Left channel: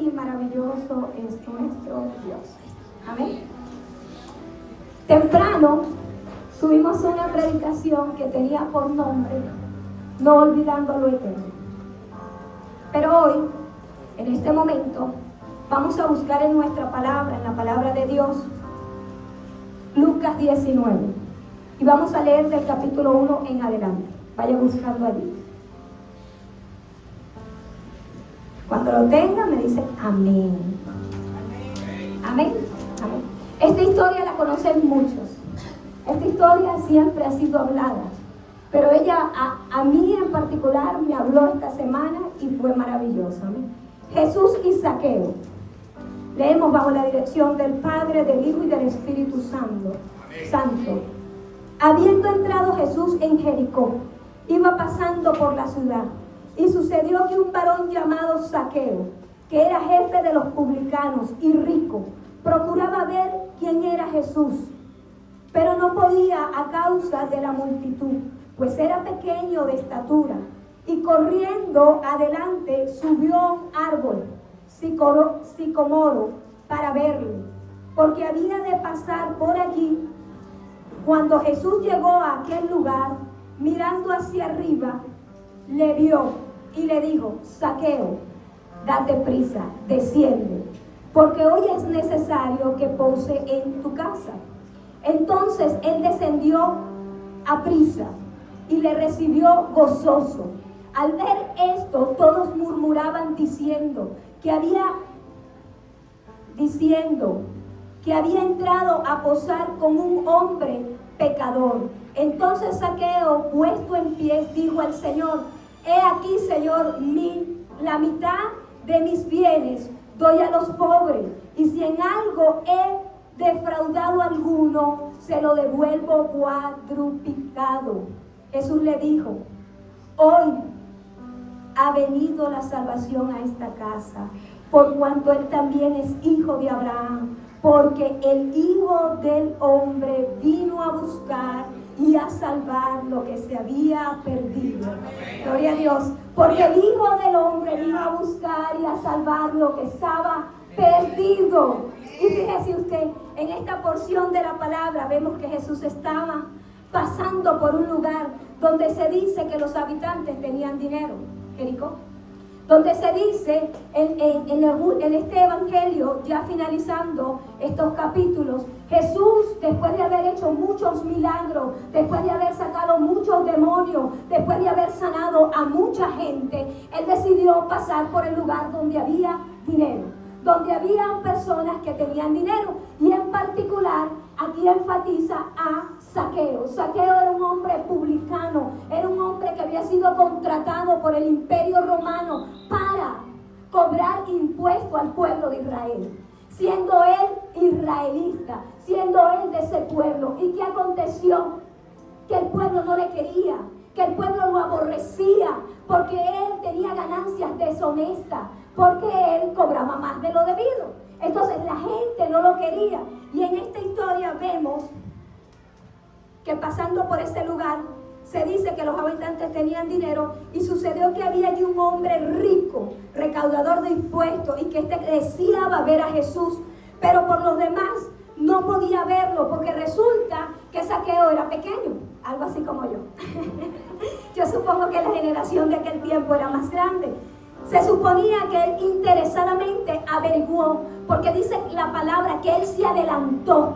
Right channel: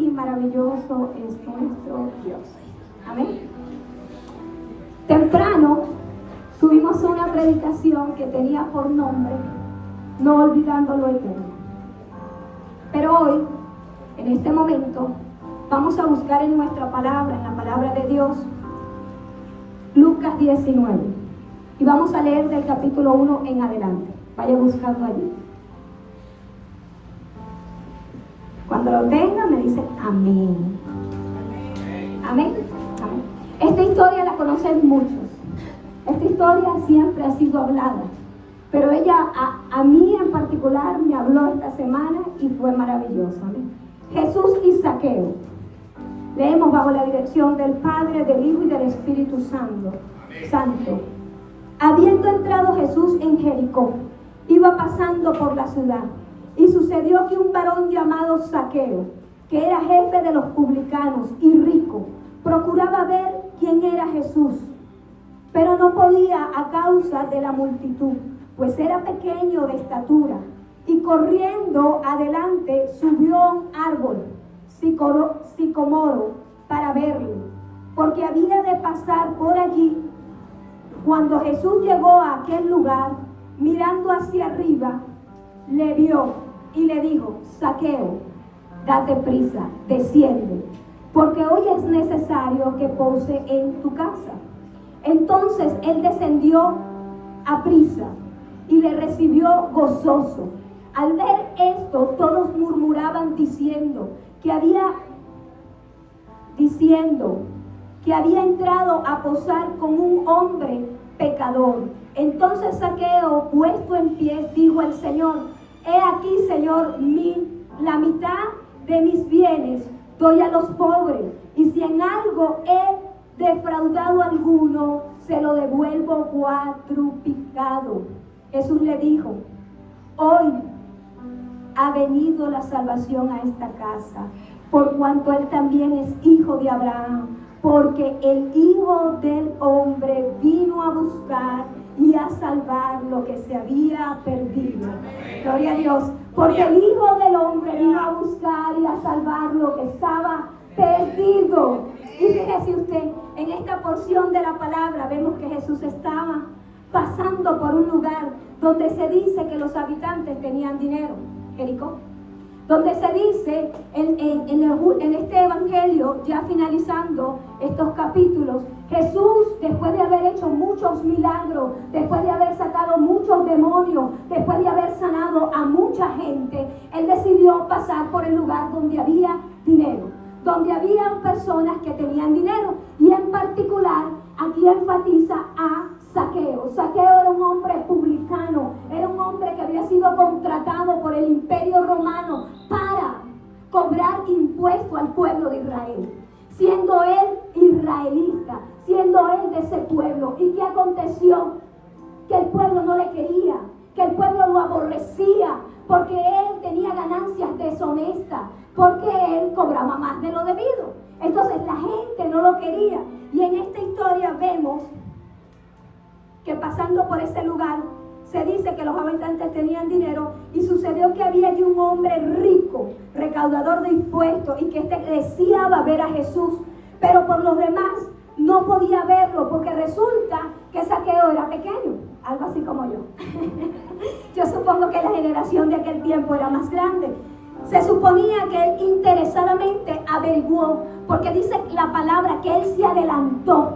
y maravilloso es nuestro Dios. Amén. Temprano tuvimos una predicación que tenía por nombre No olvidando lo eterno. Pero hoy, en este momento, vamos a buscar en nuestra palabra, en la palabra de Dios, Lucas 19. Y vamos a leer del capítulo 1 en adelante. Vaya buscando allí. Cuando lo tenga, me dice amén. Amén. Amén. Esta historia la conocen muchos. Esta historia siempre ha sido hablada. Pero ella, a mí en particular, me habló esta semana y fue maravillosa. Amén. Jesús y Zaqueo. Leemos bajo la dirección del Padre, del Hijo y del Espíritu Santo. Habiendo entrado Jesús en Jericó, iba pasando por la ciudad, y sucedió que un varón llamado Zaqueo, que era jefe de los publicanos y rico, procuraba ver quién era Jesús, pero no podía a causa de la multitud, pues era pequeño de estatura, y corriendo adelante subió a un árbol sicomoro para verlo, porque había de pasar por allí. Cuando Jesús llegó a aquel lugar, mirando hacia arriba, le vio y le dijo: Zaqueo, date prisa, desciende, porque hoy es necesario que pose en tu casa. Entonces él descendió a prisa y le recibió gozoso. Al ver esto, todos murmuraban diciendo que había entrado a posar con un hombre pecador. Entonces Zaqueo, puesto en pie, dijo al Señor: He aquí, Señor, la mitad de mis bienes doy a los pobres, y si en algo he defraudado a alguno, se lo devuelvo cuadruplicado. Jesús le dijo: Hoy ha venido la salvación a esta casa, por cuanto él también es hijo de Abraham, porque el Hijo del Hombre vino a buscar y a salvar lo que se había perdido. Gloria a Dios. Porque el Hijo del Hombre vino a buscar y a salvar lo que estaba perdido. Y fíjese usted, en esta porción de la palabra vemos que Jesús estaba pasando por un lugar donde se dice que los habitantes tenían dinero. Jericó. Donde se dice en este evangelio, ya finalizando estos capítulos, Jesús, después de haber hecho muchos milagros, después de haber sacado muchos demonios, después de haber sanado a mucha gente, él decidió pasar por el lugar donde había dinero, donde habían personas que tenían dinero, y en particular aquí enfatiza a Zaqueo. Zaqueo era un hombre publicano, era un hombre que había sido contratado por el Imperio Romano para cobrar impuesto al pueblo de Israel. Siendo él israelita, siendo él de ese pueblo. ¿Y qué aconteció? Que el pueblo no le quería, que el pueblo lo aborrecía, porque él tenía ganancias deshonestas, porque él cobraba más de lo debido. Entonces la gente no lo quería. Y en esta historia vemos que pasando por ese lugar, se dice que los habitantes tenían dinero, y sucedió que había allí un hombre rico, recaudador de impuestos, y que deseaba ver a Jesús, pero por los demás no podía verlo, porque resulta que Zaqueo era pequeño, algo así como yo. Yo supongo que la generación de aquel tiempo era más grande. Se suponía que él interesadamente averiguó, porque dice la palabra que él se adelantó.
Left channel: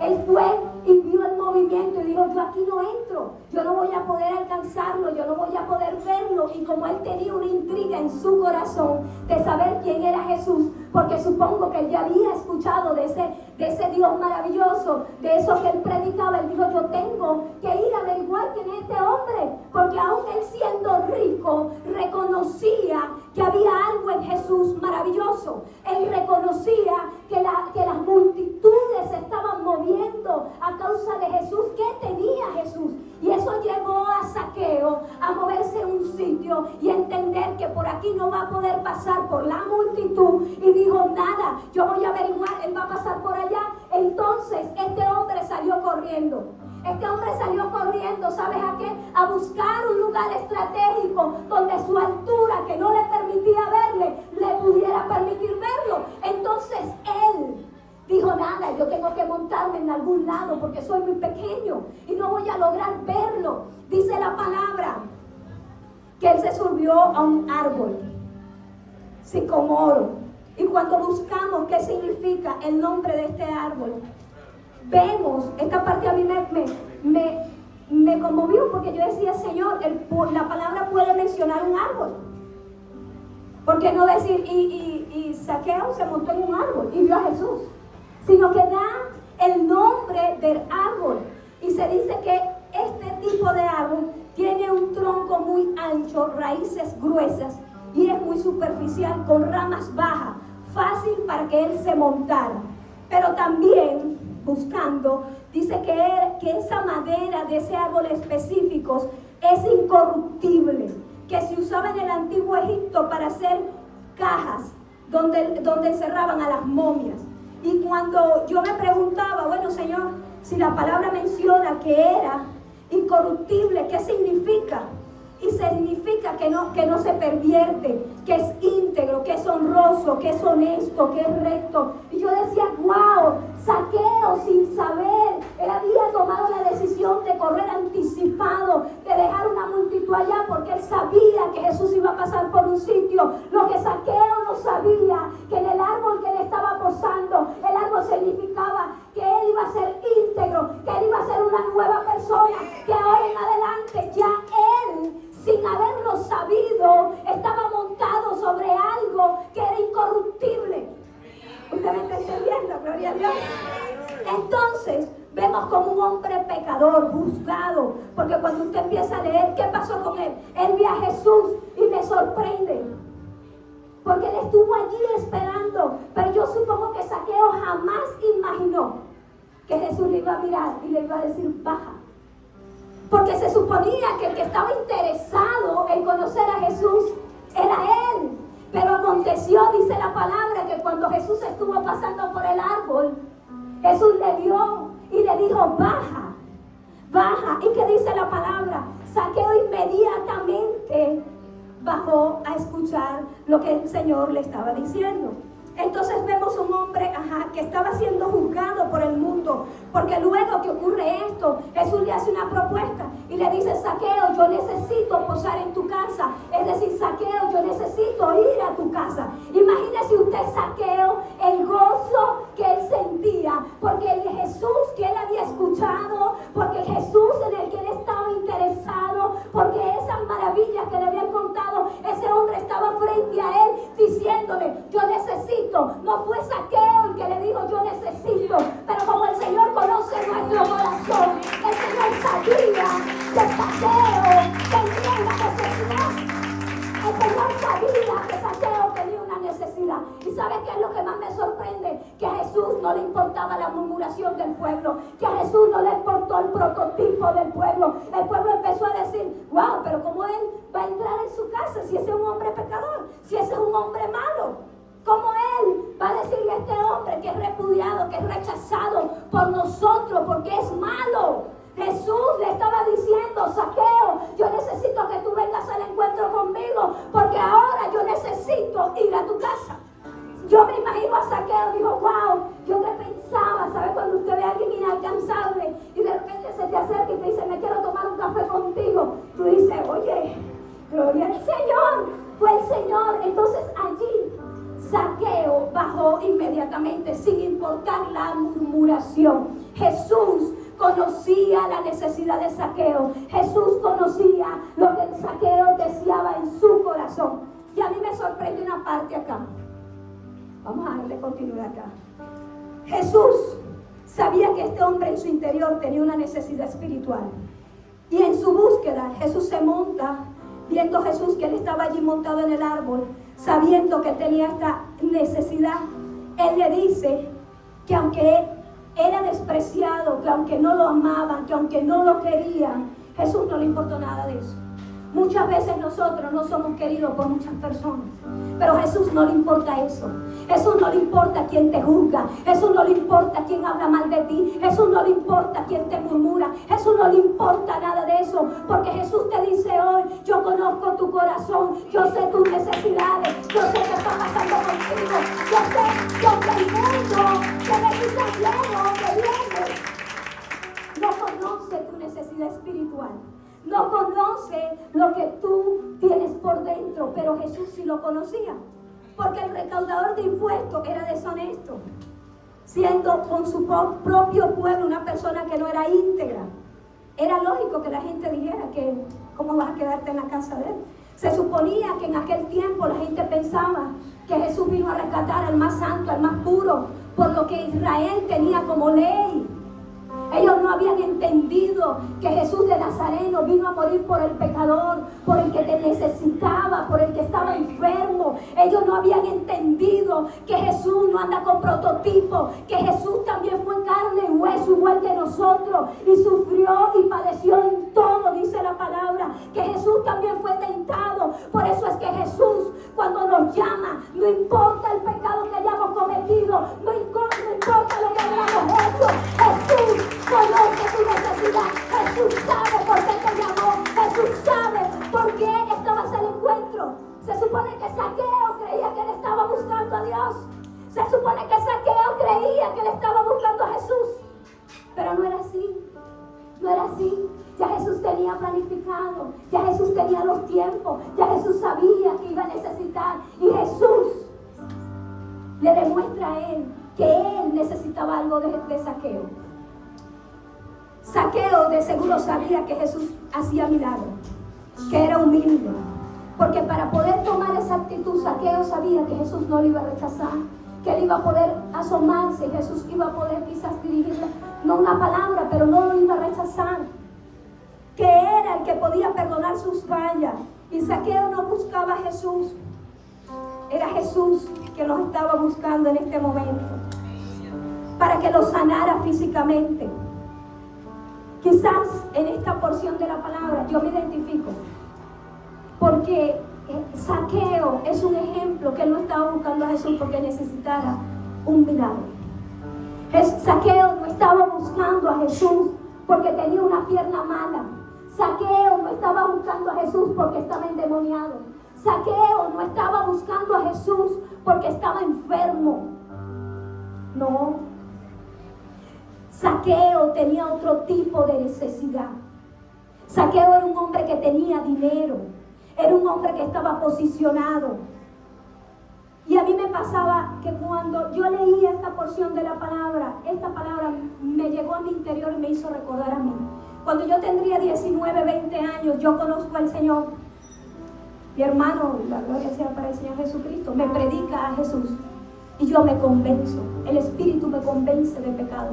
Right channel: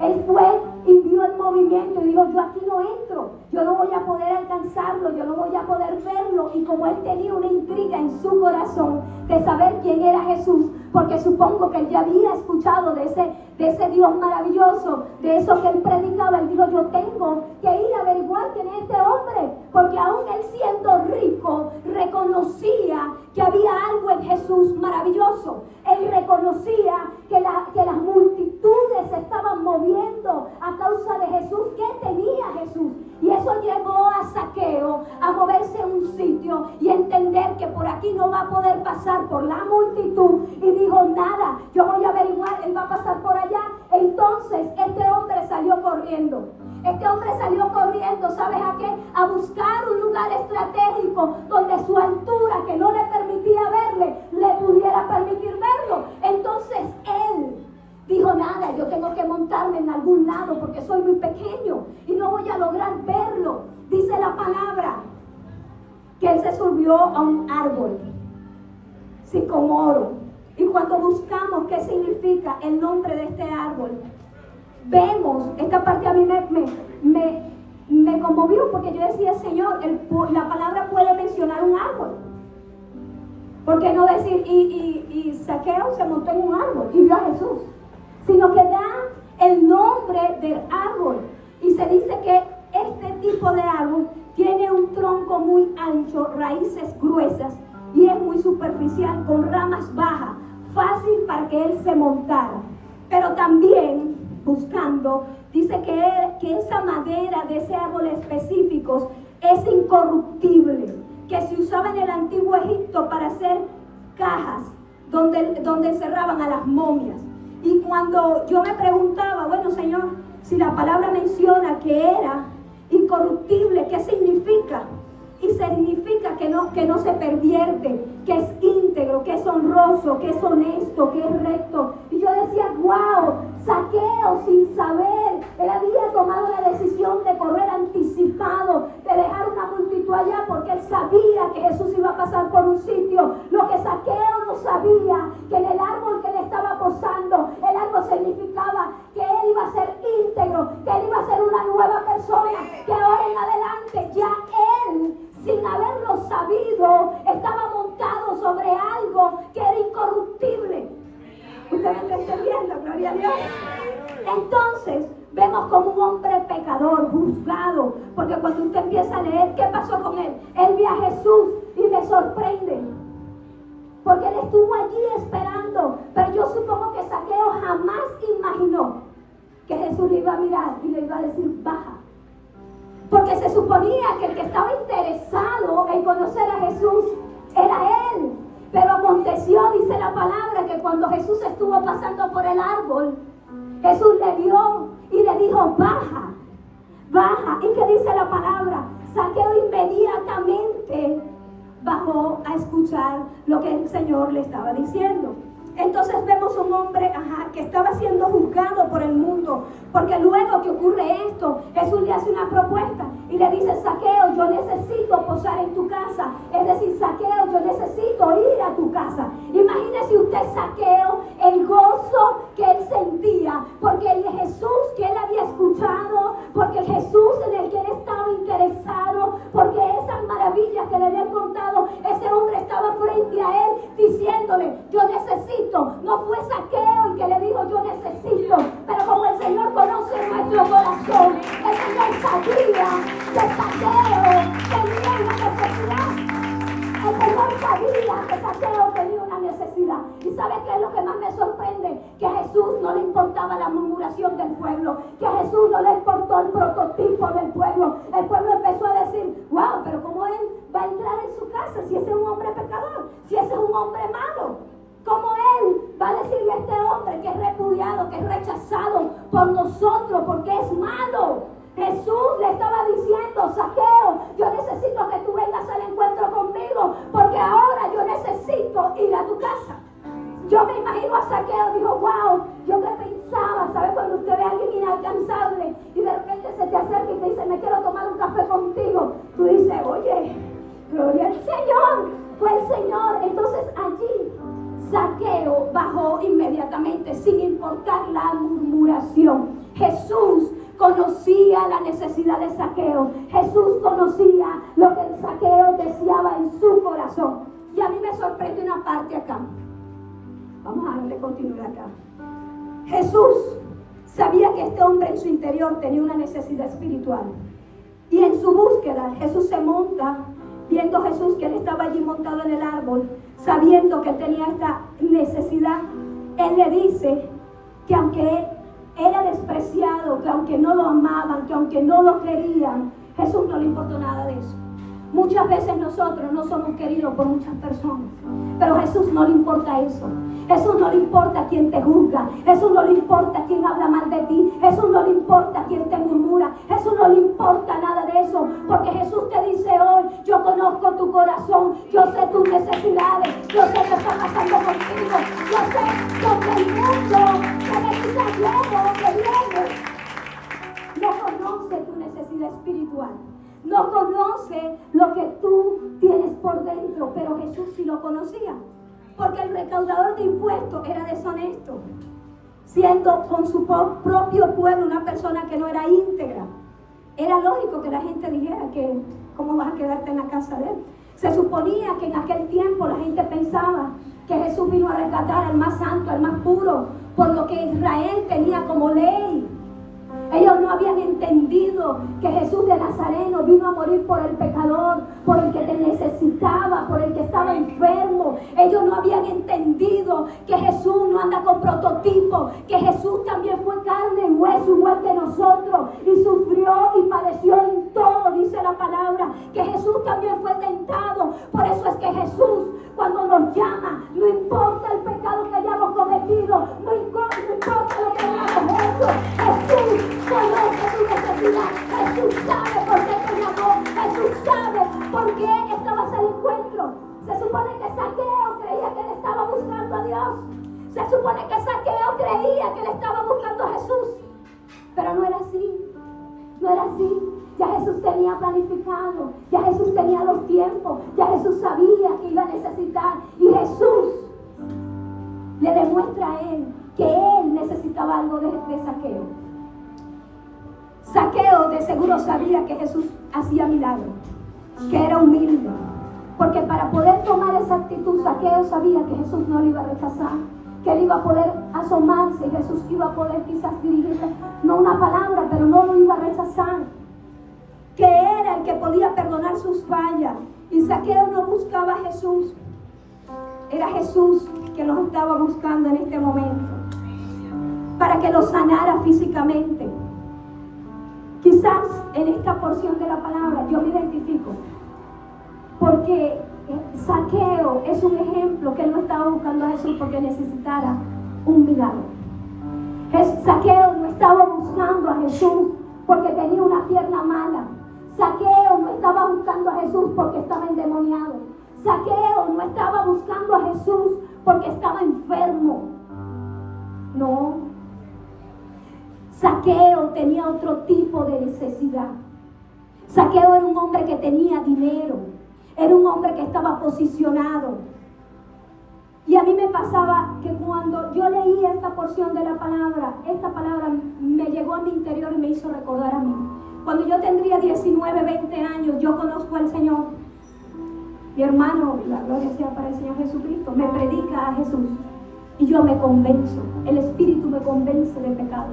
Él fue y vio el movimiento y dijo: yo aquí no entro, yo no voy a poder alcanzarlo, yo no voy a poder verlo. Y como él tenía una intriga en su corazón de saber quién era Jesús, porque supongo que él ya había escuchado de ese Dios maravilloso, de eso que él predicaba, él dijo: yo tengo que ir a averiguar quién es este hombre, porque aún él siendo rico, reconocía que había algo en Jesús maravilloso. Él reconocía que las multitudes se estaban moviendo a causa de Jesús. ¿Qué tenía Jesús? Y eso llevó a Zaqueo a moverse en un sitio y entender que por aquí no va a poder pasar por la multitud. Y dijo: nada, yo voy a averiguar, él va a pasar por allá. Entonces este hombre salió corriendo. Este hombre salió corriendo, ¿sabes a qué? A buscar un lugar estratégico donde su altura, que no le permitía verle, le pudiera permitir verle. sentarme en algún lado porque soy muy pequeño y no voy a lograr verlo. Dice la palabra que él se subió a un árbol sicomoro. Y cuando buscamos qué significa el nombre de este árbol, vemos, esta parte a mí me conmovió porque yo decía, Señor, la palabra puede mencionar un árbol. ¿Por qué no decir, y Zaqueo se montó en un árbol y vio a Jesús? Sino que da el nombre del árbol. Y se dice que este tipo de árbol tiene un tronco muy ancho, raíces gruesas y es muy superficial, con ramas bajas, fácil para que él se montara. Pero también, buscando, dice que esa madera de ese árbol específico es incorruptible, que se usaba en el antiguo Egipto para hacer cajas donde encerraban a las momias. Y cuando yo me preguntaba, bueno, Señor, si la palabra menciona que era incorruptible, ¿qué significa? Y significa que no se pervierte, que es íntegro, que es honroso, que es honesto, que es recto. Y yo decía, wow, Zaqueo sin saber, él había tomado la decisión de correr anticipado, de dejar una multitud allá porque él sabía que Jesús iba a pasar por un sitio. Lo que Zaqueo no sabía, que en el árbol que él estaba posando, el árbol significaba que él iba a ser íntegro, que él iba a ser una nueva persona, que ahora en adelante ya él, sin haberlo sabido, estaba montado sobre algo que era incorruptible. ¿Usted me está entendiendo? Gloria a Dios. Entonces, vemos como un hombre pecador, juzgado, porque cuando usted empieza a leer, ¿qué pasó con él? Él vio a Jesús y me sorprende, porque él estuvo allí esperando, pero yo supongo que Zaqueo jamás imaginó que Jesús le iba a mirar y le iba a decir, baja. Porque se suponía que el que estaba interesado en conocer a Jesús era él. Pero aconteció, dice la palabra, que cuando Jesús estuvo pasando por el árbol, Jesús le vio y le dijo, baja, baja. ¿Y qué dice la palabra? Zaqueo inmediatamente bajó a escuchar lo que el Señor le estaba diciendo. Entonces vemos un hombre que estaba siendo juzgado por el mundo, porque luego que ocurre esto, Jesús le hace una propuesta y le dice, Zaqueo, yo necesito posar en tu casa. Es decir, Zaqueo, yo necesito ir a tu casa. Imagínese usted, Zaqueo, el gozo que él sentía, porque el Jesús que él había escuchado, porque el Jesús en el que él estaba interesado, porque esas maravillas que le habían contado, ese hombre estaba frente a él diciéndole, yo necesito. No fue Zaqueo el que le dijo yo necesito, pero como el Señor conoce nuestro corazón, el Señor sabía que Zaqueo tenía una necesidad. El Señor sabía que Zaqueo tenía una necesidad. ¿Y sabe qué es lo que más me sorprende? Que a Jesús no le importaba la murmuración del pueblo, que a Jesús no le importó el prototipo del pueblo. El pueblo empezó a decir, wow, pero ¿cómo él va a entrar en su casa si ese es un hombre pecador, si ese es un hombre malo? ¿Cómo él va a decirle a este hombre que es repudiado, que es rechazado por nosotros porque es malo? Jesús le estaba diciendo, Zaqueo, yo necesito que tú vengas al encuentro conmigo, porque ahora yo necesito ir a tu casa. Yo me imagino a Zaqueo, digo, wow, yo me pensaba, ¿sabes? Cuando usted ve a alguien inalcanzable y de repente se te acerca y te dice, me quiero tomar un café contigo. Tú dices, oye, gloria al Señor, fue el Señor. Entonces allí Zaqueo bajó inmediatamente sin importar la murmuración. Jesús conocía la necesidad de Zaqueo. Jesús conocía lo que Zaqueo deseaba en su corazón. Y a mí me sorprende una parte acá. Vamos a darle continuidad acá. Jesús sabía que este hombre en su interior tenía una necesidad espiritual. Y en su búsqueda, Jesús se monta, viendo a Jesús que él estaba allí montado en el árbol, sabiendo que tenía esta necesidad, él le dice que aunque él era despreciado, que aunque no lo amaban, que aunque no lo querían, Jesús no le importó nada de eso. Muchas veces nosotros no somos queridos por muchas personas, pero a Jesús no le importa eso. Jesús no le importa quién te juzga, Jesús no le importa quién habla mal de ti, Jesús no le importa quién te murmura, Jesús no le importa nada de eso, porque Jesús te dice hoy, yo conozco tu corazón, yo sé tus necesidades, yo sé que está pasando contigo, yo sé que el mundo que me dice lleno, que viene no conoce lo que tú tienes por dentro, pero Jesús sí lo conocía, porque el recaudador de impuestos era deshonesto, siendo con su propio pueblo una persona que no era íntegra. Era lógico que la gente dijera que ¿cómo vas a quedarte en la casa de él? Se suponía que en aquel tiempo la gente pensaba que Jesús vino a rescatar al más santo, al más puro, por lo que Israel tenía como ley. Ellos no habían entendido que Jesús de Nazareno vino a morir por el pecador, por el que te necesitaba, por el que estaba enfermo. Ellos no habían entendido que Jesús no anda con prototipo, que Jesús también fue carne y hueso igual que nosotros y sufrió y padeció en todo, dice la palabra, que Jesús también fue tentado. Por eso es que Jesús, cuando nos llama, no importa el pecado que hayamos cometido, no importa lo que hayamos hecho, Jesús conoce tu necesidad. Jesús sabe por qué te llamó. Jesús sabe por qué estabas al encuentro. Se supone que Zaqueo creía que él estaba buscando a Dios. Se supone que Zaqueo creía que él estaba buscando a Jesús. Pero no era así. No era así. Ya Jesús tenía planificado. Ya Jesús tenía los tiempos. Ya Jesús sabía que iba a necesitar. Y Jesús le demuestra a él que él necesitaba algo de Zaqueo. Zaqueo de seguro sabía que Jesús hacía milagros, que era humilde, porque para poder tomar esa actitud, Zaqueo sabía que Jesús no lo iba a rechazar, que él iba a poder asomarse y Jesús iba a poder quizás dirigirle, no una palabra, pero no lo iba a rechazar, que era el que podía perdonar sus fallas. Y Zaqueo no buscaba a Jesús, era Jesús que los estaba buscando en este momento, para que lo sanara físicamente. Quizás en esta porción de la palabra yo me identifico, porque Zaqueo es un ejemplo que él no estaba buscando a Jesús porque necesitara un milagro. Zaqueo no estaba buscando a Jesús porque tenía una pierna mala. Zaqueo no estaba buscando a Jesús porque estaba endemoniado. Zaqueo no estaba buscando a Jesús porque estaba enfermo. No. Zaqueo tenía otro tipo de necesidad. Zaqueo era un hombre que tenía dinero. Era un hombre que estaba posicionado. Y a mí me pasaba que cuando yo leía esta porción de la palabra, esta palabra me llegó a mi interior y me hizo recordar a mí. Cuando yo tendría 19, 20 años, yo conozco al Señor. Mi hermano, la gloria sea para el Señor Jesucristo, me predica a Jesús. Y yo me convenzo. El Espíritu me convence de pecado.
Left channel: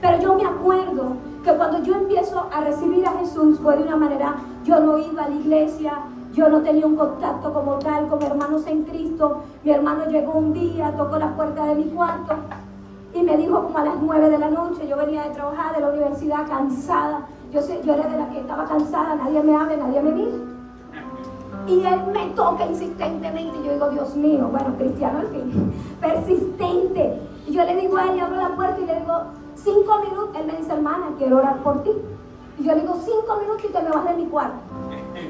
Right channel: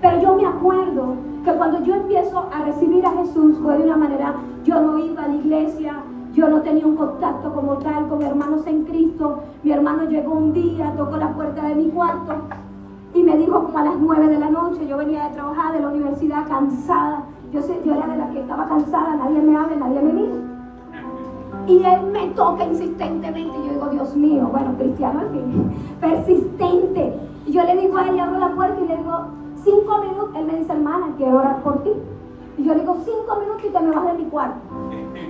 Pero yo me acuerdo que cuando yo empiezo a recibir a Jesús fue de una manera, yo no iba a la iglesia, yo no tenía un contacto como tal con hermanos en Cristo. Mi hermano llegó un día, tocó la puerta de mi cuarto y me dijo como a las 9 de la noche, yo venía de trabajar de la universidad cansada, yo era de la que estaba cansada, nadie me habla, nadie me mira. Y él me toca insistentemente y yo digo, Dios mío, bueno, cristiano al fin, persistente. Y yo le digo a él, y abro la puerta y le digo, 5 minutos, él me dice, hermana, quiero orar por ti. Y yo le digo, 5 minutos y te me vas de mi cuarto.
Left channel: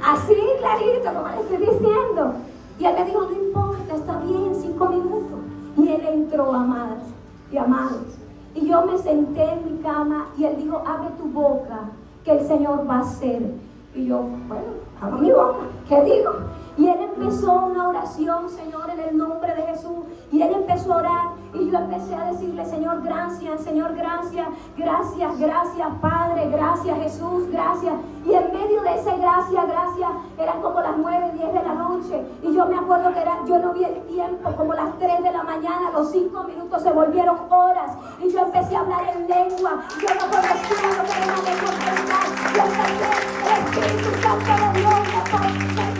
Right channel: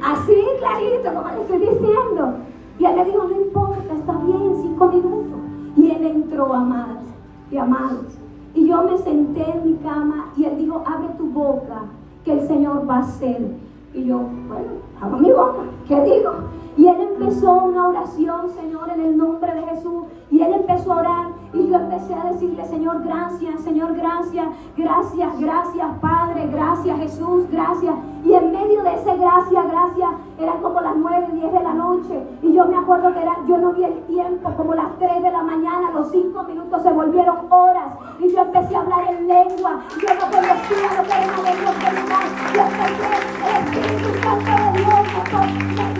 Así clarito, como le estoy diciendo. Y él me dijo, no importa, está bien, 5 minutos. Y él entró, amadas y amados. Y yo me senté en mi cama y él dijo, abre tu boca, que el Señor va a hacer. Y yo, bueno, abro mi boca, ¿qué digo? Y él empezó una oración, Señor, en el nombre de Jesús. Y él empezó a orar y yo empecé a decirle, Señor, gracias, gracias, gracias, Padre, gracias, Jesús, gracias. Y en medio de ese gracias, eran como las 9, 10 de la noche. Y yo me acuerdo que yo no vi el tiempo, como las 3 de la mañana, los 5 minutos se volvieron horas. Y yo empecé a hablar en lengua. Yo no conocía lo que era una lengua original. Yo empecé, Espíritu Santo de Dios,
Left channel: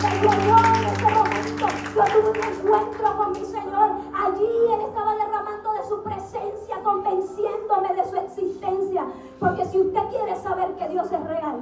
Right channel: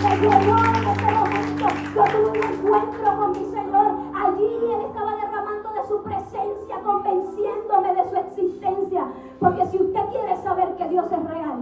me dio en ese momento. Yo tuve un encuentro con mi Señor. Allí Él estaba derramando de su presencia, convenciéndome de su existencia. Porque si usted quiere saber que Dios es real,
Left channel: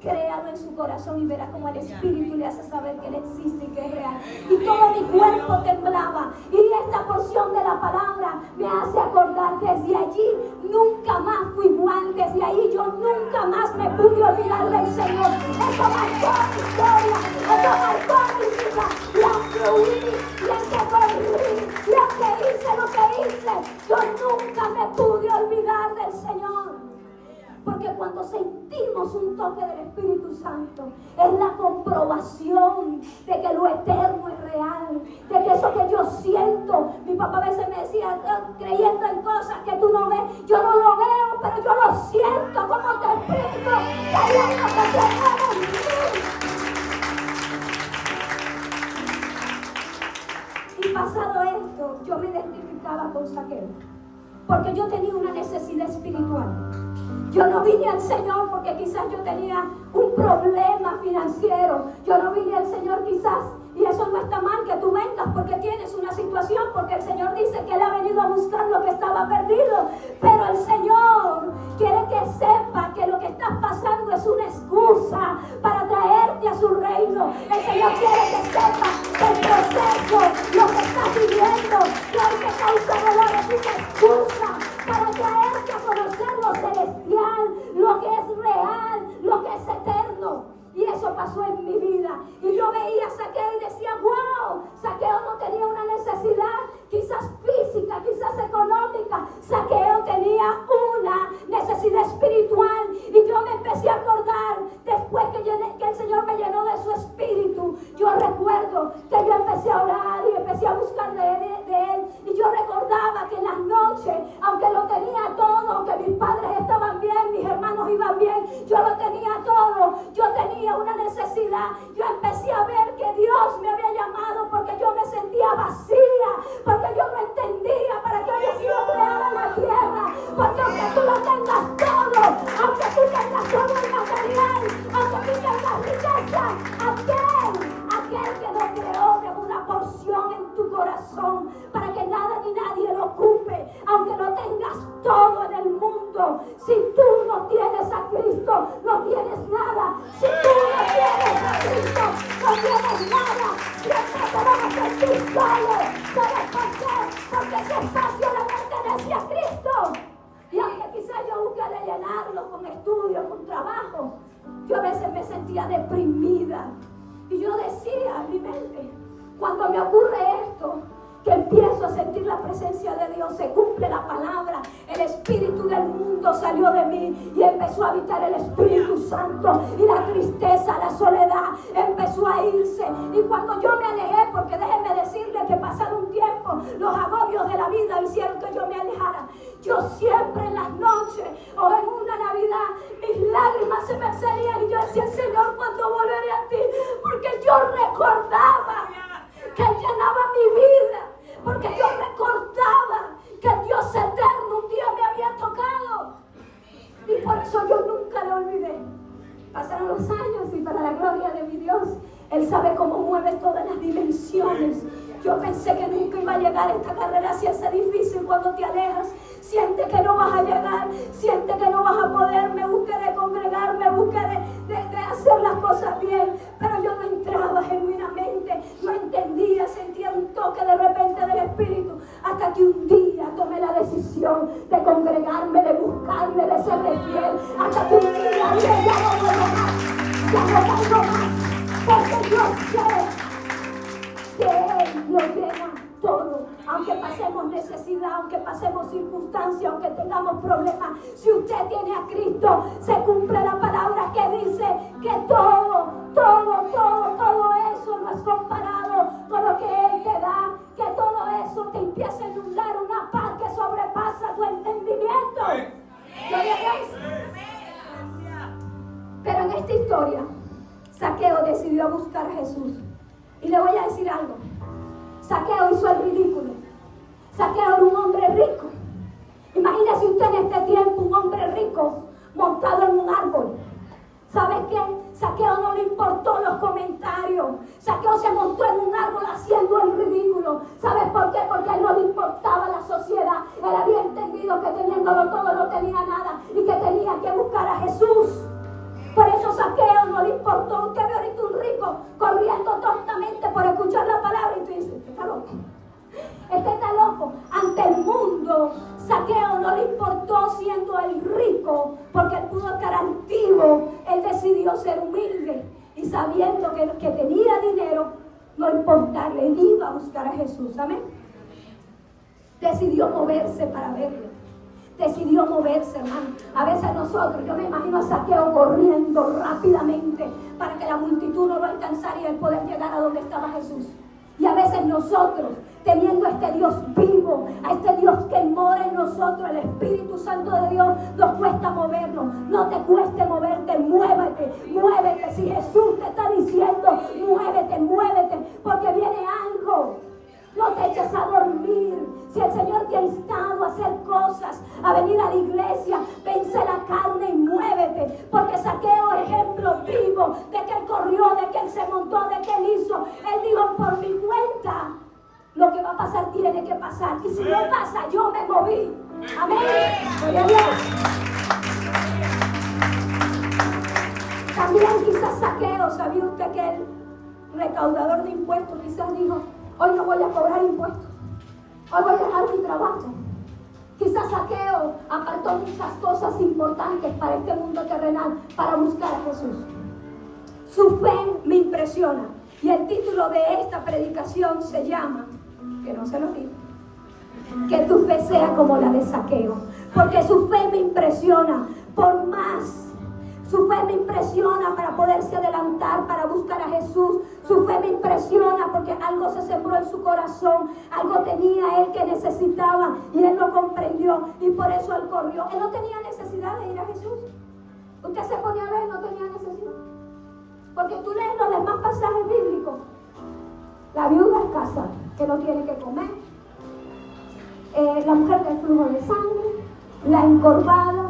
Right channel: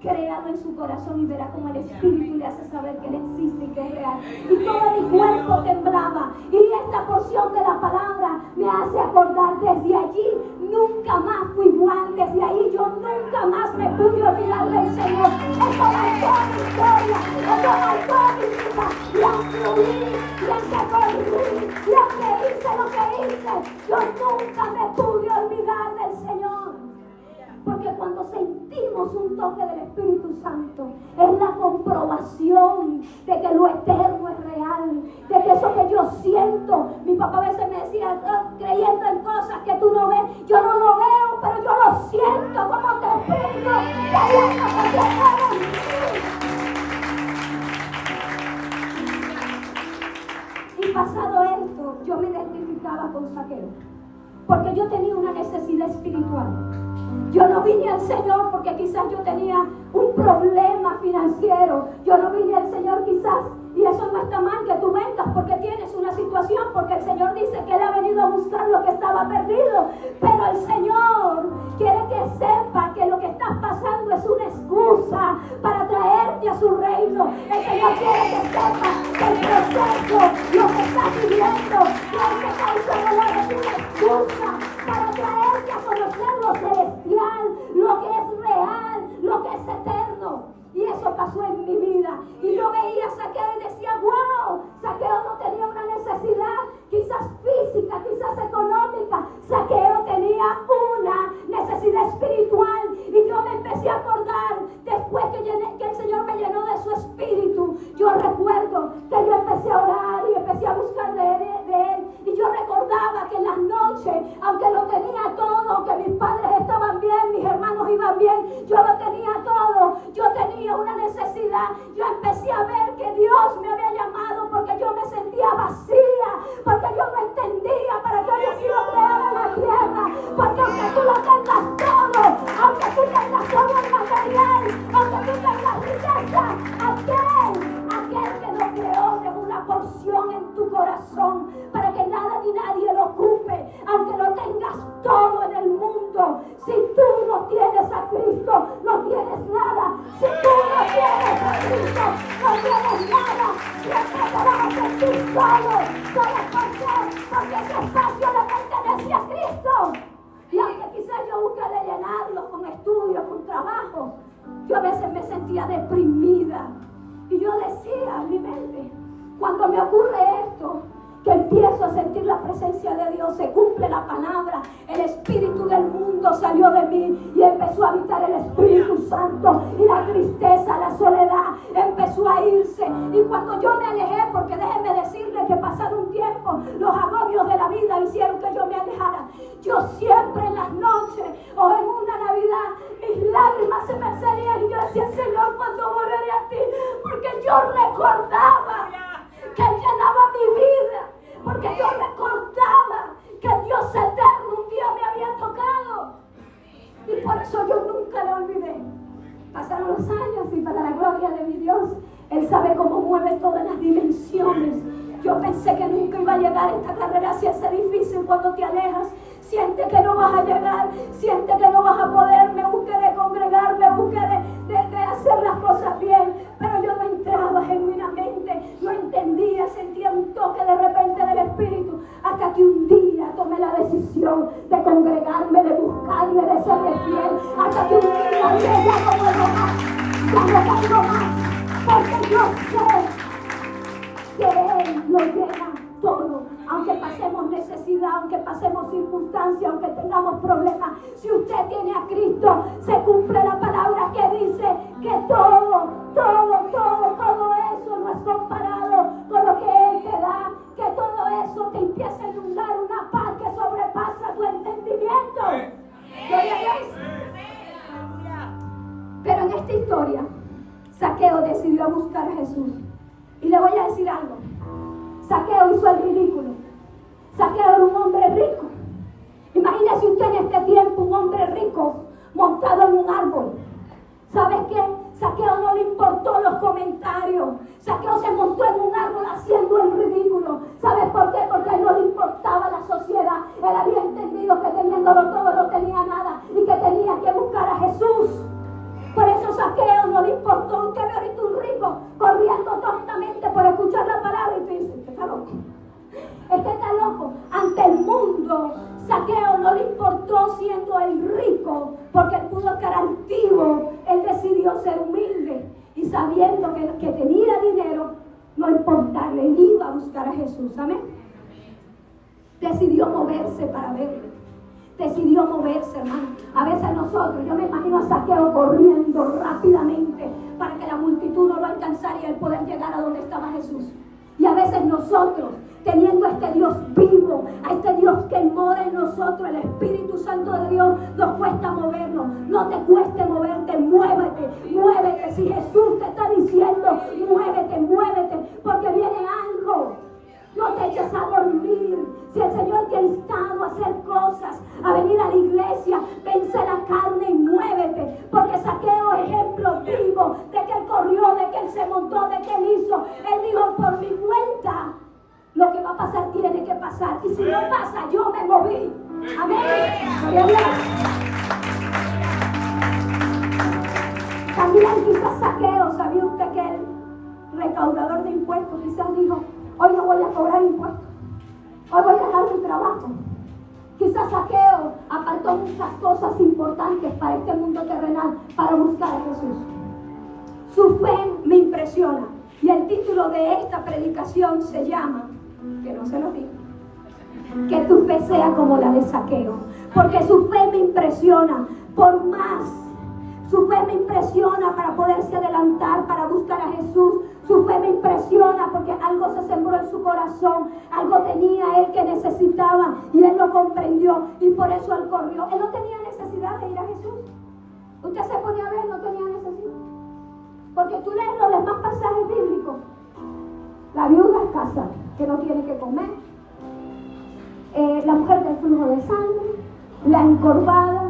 créalo en su corazón y verá como el Espíritu le hace saber que Él existe y que es real. Y todo mi cuerpo temblaba. Y esta porción de la palabra me hace acordar, desde allí nunca más fui igual. Desde ahí yo nunca más me pude olvidar del Señor. Eso marcó mi historia, eso marcó mi vida. Y aunque huí, y aunque corrí, y aunque hice lo que hice, yo nunca me pude olvidar del Señor. Porque cuando sentimos un toque del Espíritu Santo, eso que yo siento. Mi papá a veces me decía, creyendo en cosas que tú no ves. Yo no lo veo, pero yo lo siento. Como te explico, y pasado esto, yo me identificaba con Zaqueo, porque yo tenía una necesidad espiritual. Yo no vine al Señor porque quizás yo tenía un problema financiero. Yo no vine al Señor quizás, y eso no está mal que tú vengas porque tienes una situación, porque el Señor dice que Él ha venido a buscar lo que estaba perdido. Pero el Señor quiere que sepa que lo que estás pasando es una excusa para traerte a su reino. El Señor quiere que sepa que el proceso, lo que estás viviendo, lo que causa dolor es una excusa para traerte a conocer lo celestial, lo que es real, lo que es eterno. Y eso pasó en mi vida. Y yo veía a Zaqueo y decía, wow, Zaqueo no tenía una necesidad, quizás física, quizás económica. Zaqueo tenía una necesidad espiritual. Y yo me empecé a acordar, después que el Señor me llenó de su espíritu, yo recuerdo que yo empecé a orar y empecé a buscar de Él. Y yo recordaba que en las noches, aunque lo tenía todo, aunque mis padres estaban bien, mis hermanos iban bien, yo lo tenía todo, yo tenía una necesidad. Yo empecé a ver que Dios me había llamado porque yo me sentía vacía, porque yo no entendía para qué había sido creada la tierra. Porque aunque tú lo tengas todo, aunque tú tengas todo el material, aunque tú tengas riqueza, aquel que nos creó dejó una porción en tu corazón para que nada ni nadie lo ocupe. Aunque lo tengas todo en el mundo, si tú no tienes a Cristo, no tienes nada. Si tú no tienes a Cristo, no tienes nada. Siempre te vas a sentir solo. ¿Sabes por qué? Porque ese espacio le pertenece a Cristo. Y aunque quizás yo busque de llenarlo con estudio, con trabajo, yo a veces me sentía deprimida. Y yo decía en mi mente, cuando me ocurre esto, que empiezo a sentir la presencia de Dios, se cumple la palabra, el espíritu del mundo salió de mí y empezó a habitar el Espíritu Santo, y la tristeza, la soledad empezó a irse. Y cuando yo me alejé, porque déjenme decirle que pasado un tiempo los agobios de la vida hicieron que yo me alejara, yo siempre en las noches o en una Navidad mis lágrimas se me salían y yo decía, Señor, ¿cuándo volveré a ti? Porque yo recordaba que Él llenaba mi vida, porque yo recordaba que el Dios eterno un día me había tocado, y por eso yo nunca le olvidé. Pasaron los años y para la gloria de mi Dios, Él sabe cómo mueve todas las dimensiones. Yo pensé que nunca iba a llegar a esta carrera, se hace difícil cuando te alejas. Siente que no vas a llegar, siente que no vas a poder. Me busqué de congregar, me busqué de hacer las cosas bien, pero yo no entraba genuinamente, no entendía, sentía un toque de repente del Espíritu, hasta que un día tomé la decisión de congregarme, de buscarme, de serle fiel, hasta que un día dije, ya no puedo más, ya no tengo más, porque yo sé que Él lo llena todo. Aunque pasemos necesidad, aunque pasemos circunstancias, aunque tengamos problemas, si usted tiene a Cristo, se cumple la palabra que dice que todo eso no es comparado con lo que Él te da, que todo eso te empieza a inundar una paz que sobrepasa tu entendimiento. Gloria a Dios. Pero en esta historia, Zaqueo decidió buscar a Jesús. Y le voy a decir algo. Zaqueo hizo el ridículo. Zaqueo era un hombre rico. Imagínese usted en este tiempo un hombre rico montado en un árbol. ¿Sabe qué? Zaqueo no le importó los comentarios. Zaqueo se montó en un árbol haciendo el ridículo. ¿Sabes por qué? Porque a él no le importaba la sociedad. Él había entendido que teniéndolo todo no tenía nada y que tenía que buscar a Jesús. Por eso Zaqueo no le importó. Usted ve ahorita un rico corriendo tontamente por escuchar la palabra y tú dices, ¿este está loco? Este está loco. Ante el mundo, Zaqueo no le importó siendo el rico, porque él pudo estar altivo. Él decidió ser humilde y sabiendo que tenía dinero, no importarle, él iba a buscar a Jesús. ¿Amén? Decidió moverse para verle. Decidió moverse, hermano. A veces nosotros, yo me imagino a Zaqueo corriendo rápidamente para que la multitud no lo alcanzara y él poder llegar a donde estaba Jesús. Y a veces nosotros teniendo a este Dios vivo, a este Dios que mora en nosotros, el Espíritu Santo de Dios, nos cuesta movernos. No te cueste moverte, muévete, muévete. Si Jesús te está diciendo, muévete, muévete, porque viene algo. No te eches a dormir. Si el Señor te ha instado a hacer cosas, a venir a la iglesia, vence la carne y muévete. Porque Zaqueo es ejemplo vivo de que él corrió, de que él se montó, de que él hizo. Él dijo, por mi cuenta, lo que va a pasar tiene que pasar. Y si no pasa, yo me moví. Amén. Gloria a Dios. También quizás Zaqueo, ¿sabía usted que el recaudador de impuestos quizás dijo, hoy no voy a cobrar impuestos, hoy voy a dejar mi trabajo? Quizás Zaqueo apartó muchas cosas importantes para este mundo terrenal para buscar a Jesús. Su fe me impresiona. Y el título de esta predicación se llama, que no se lo digo, que tu fe sea como la de Zaqueo. Porque su fe me impresiona por más. Su fe me impresiona para poderse adelantar, para buscar a Jesús. Su fe me impresiona porque algo se sembró en su corazón. Algo tenía él que necesitaba y él lo comprendió y por eso él corrió. Él no tenía necesidad de ir a Jesús. Usted se ponía a ver, no tenía necesidad. Porque tú lees los demás pasajes bíblicos. La viuda escasa, que no tiene que comer. La mujer del flujo de sangre. La encorvada.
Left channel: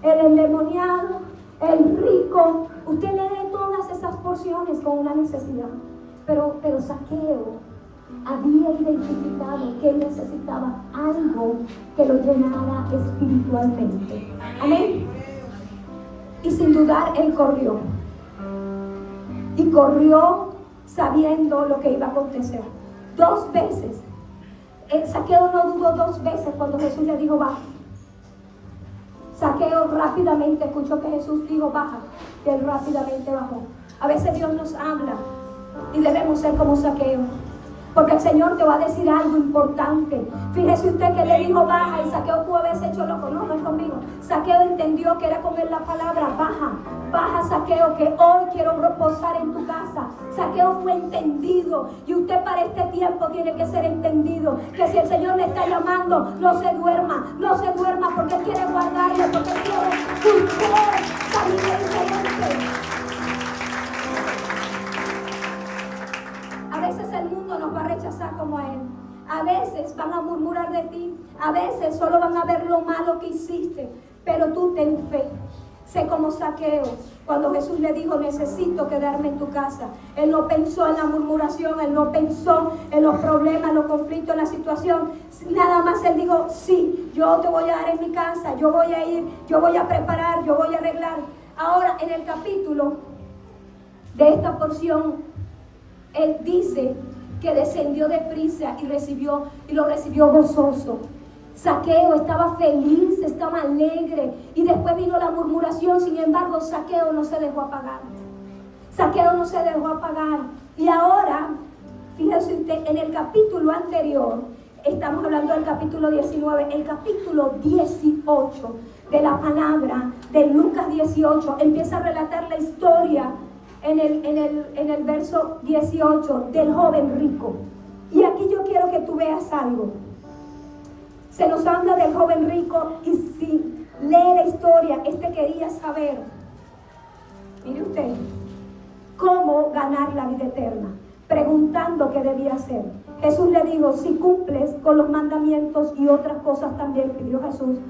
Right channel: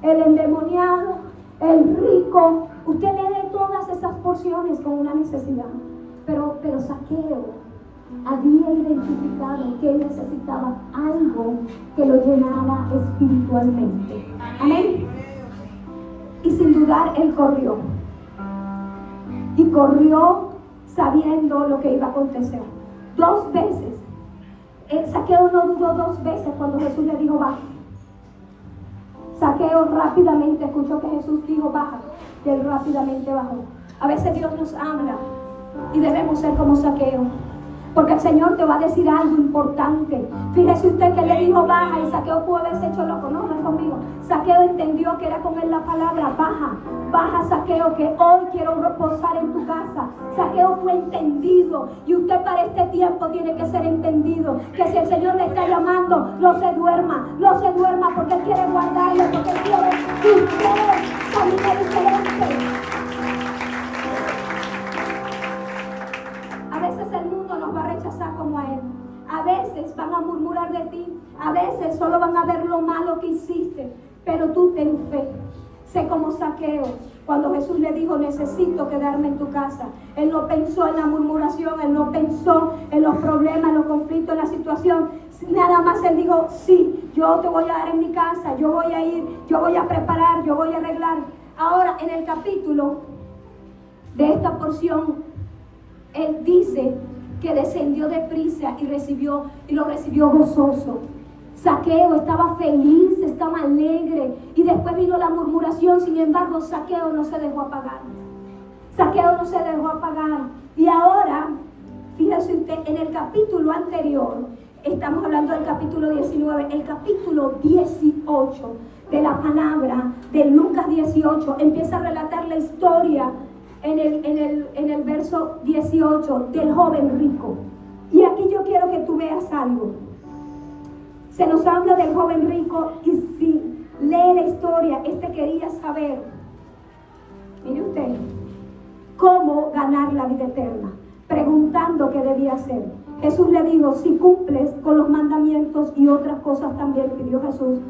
El endemoniado. El rico. Usted lee todas esas porciones con una necesidad. Pero Zaqueo había identificado que él necesitaba algo que lo llenara espiritualmente. Amén. Y sin dudar él corrió. Y corrió sabiendo lo que iba a acontecer. 2 veces. Zaqueo no dudó 2 veces cuando Jesús le dijo baja. Zaqueo rápidamente escuchó que Jesús dijo baja. Y él rápidamente bajó. A veces Dios nos habla y debemos ser como Zaqueo. Porque el Señor te va a decir algo importante. Fíjese usted que le dijo baja y Zaqueo pudo haberse hecho loco. No, no es conmigo. Zaqueo entendió que era con él la palabra baja. Baja, Zaqueo, que hoy quiero reposar en tu casa. Zaqueo fue entendido. Y usted para este tiempo tiene que ser entendido. Que si el Señor le está llamando, no se duerma. No se duerma porque Él quiere guardarle. Porque Él quiere que usted camine diferente. A veces el mundo nos va a rechazar como a él. A veces van a murmurar de ti. A veces solo van a ver lo malo que hiciste. Pero tú ten fe. Sé como Zaqueo. Cuando Jesús le dijo, necesito quedarme en tu casa. Él no pensó en la murmuración. Él no pensó en los problemas, en los conflictos, en la situación. Nada más él dijo, sí, yo te voy a dar en mi casa. Yo voy a ir, yo voy a preparar, yo voy a arreglar. Ahora en el capítulo de esta porción, él dice que descendió deprisa y lo recibió gozoso. Zaqueo estaba feliz, estaba alegre y después vino la murmuración. Sin embargo, Zaqueo no se dejó apagar. Zaqueo no se dejó apagar. Y ahora, fíjese usted, en el capítulo anterior, estamos hablando del capítulo 19, el capítulo 18 de la palabra de Lucas 18 empieza a relatar la historia en el verso 18 del joven rico. Y aquí yo quiero que tú veas algo. Se nos habla del joven rico y si lee la historia, quería saber, mire usted, cómo ganar la vida eterna, preguntando qué debía hacer. Jesús le dijo, si cumples con los mandamientos y otras cosas también pidió Jesús,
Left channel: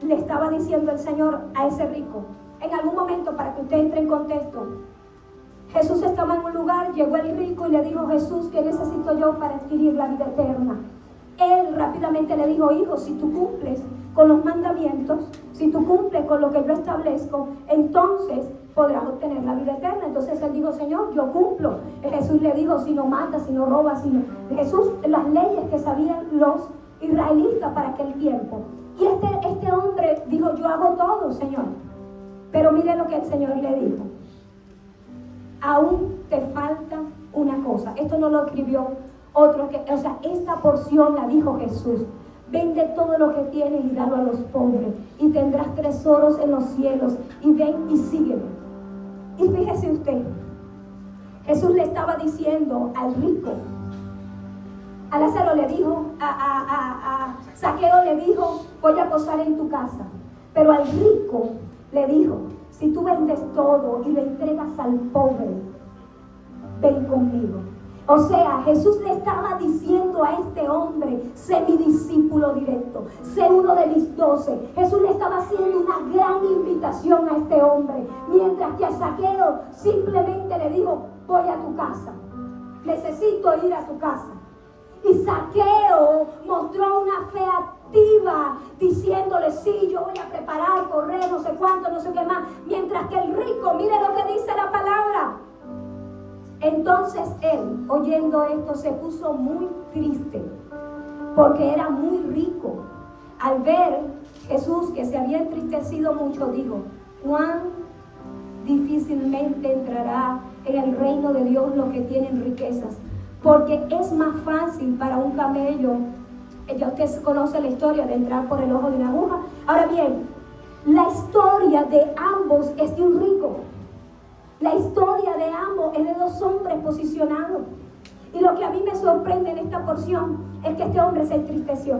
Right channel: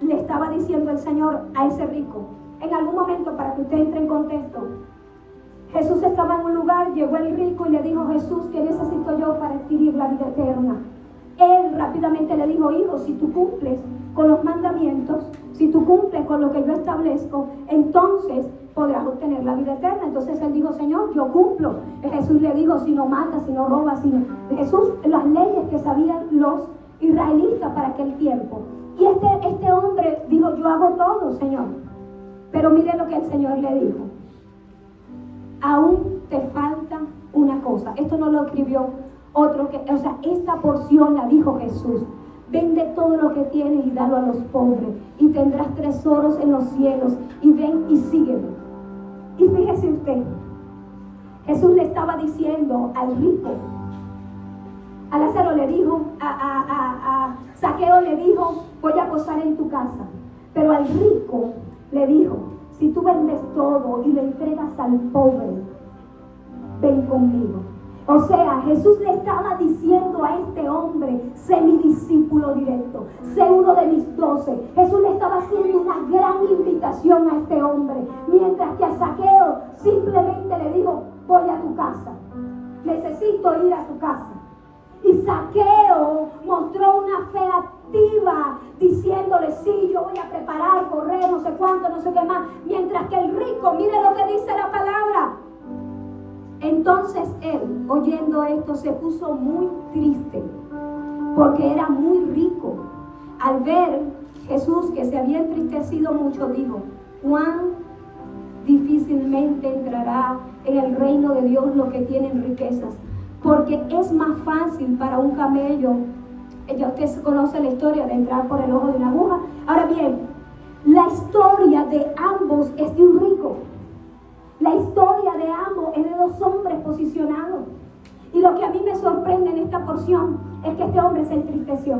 le estaba diciendo el Señor a ese rico. En algún momento, para que usted entre en contexto, Jesús estaba en un lugar, llegó el rico y le dijo, Jesús, ¿qué necesito yo para adquirir la vida eterna? Él rápidamente le dijo, hijo, si tú cumples con los mandamientos, si tú cumples con lo que yo establezco, entonces podrás obtener la vida eterna. Entonces él dijo, Señor, yo cumplo. Jesús le dijo, si no matas, si no robas, si no... Jesús, las leyes que sabían los israelitas para aquel tiempo. Y este hombre dijo, yo hago todo, Señor. Pero mire lo que el Señor le dijo. Aún te falta una cosa. Esto no lo escribió otro que, esta porción la dijo Jesús. Vende todo lo que tienes y dalo a los pobres y tendrás tesoros en los cielos y ven y sígueme. Y fíjese usted, Jesús le estaba diciendo al rico, a Lázaro le dijo a Zaqueo, le dijo, voy a posar en tu casa. Pero al rico le dijo, si tú vendes todo y lo entregas al pobre, ven conmigo. O sea, Jesús le estaba diciendo a este hombre, sé mi discípulo directo, sé uno de mis 12. Jesús le estaba haciendo una gran invitación a este hombre, mientras que a Zaqueo simplemente le dijo, voy a tu casa, necesito ir a tu casa. Y Zaqueo mostró una fe activa, diciéndole, sí, yo voy a preparar, correr, no sé cuánto, no sé qué más. Mientras que el rico, mire lo que dice la palabra. Entonces él, oyendo esto, se puso muy triste, porque era muy rico. Al ver Jesús que se había entristecido mucho, dijo, cuán difícilmente entrará en el reino de Dios los que tienen riquezas, porque es más fácil para un camello, ya usted conoce la historia de entrar por el ojo de una aguja. Ahora bien, la historia de ambos es de un rico. La historia de ambos es de dos hombres posicionados. Y lo que a mí me sorprende en esta porción es que este hombre se entristeció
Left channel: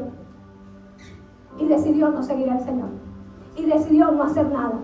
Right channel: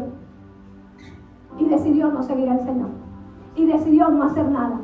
y decidió no seguir al Señor y decidió no hacer nada.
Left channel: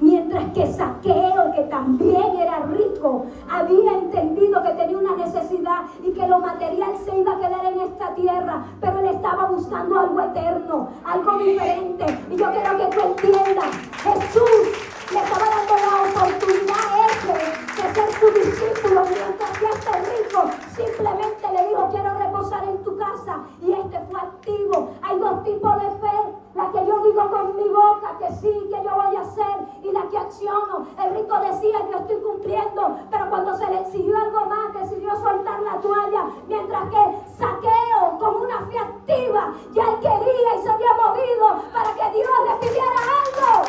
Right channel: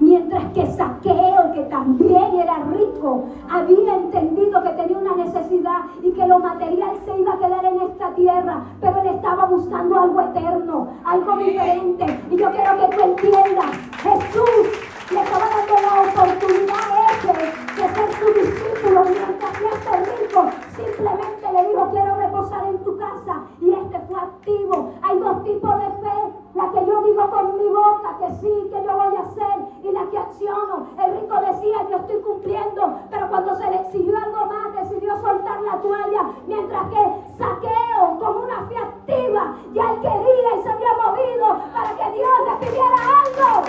Mientras que Zaqueo, que también era rico, había entendido que tenía una necesidad y que lo material se iba a quedar en esta tierra, pero él estaba buscando algo eterno, algo diferente. Y yo quiero que tú entiendas, Jesús le estaba dando la oportunidad a ese de ser su discípulo, mientras que este rico simplemente le dijo, quiero reposar en tu casa, y este fue activo. Hay dos tipos de fe, la que yo digo con mi boca que sí, que yo voy a hacer, y la que acciono. El rico decía, yo estoy cumpliendo, pero cuando se le exigió algo más, decidió soltar la toalla, mientras que Zaqueo, con una fe activa, ya él quería y se había movido para que Dios le pidiera algo.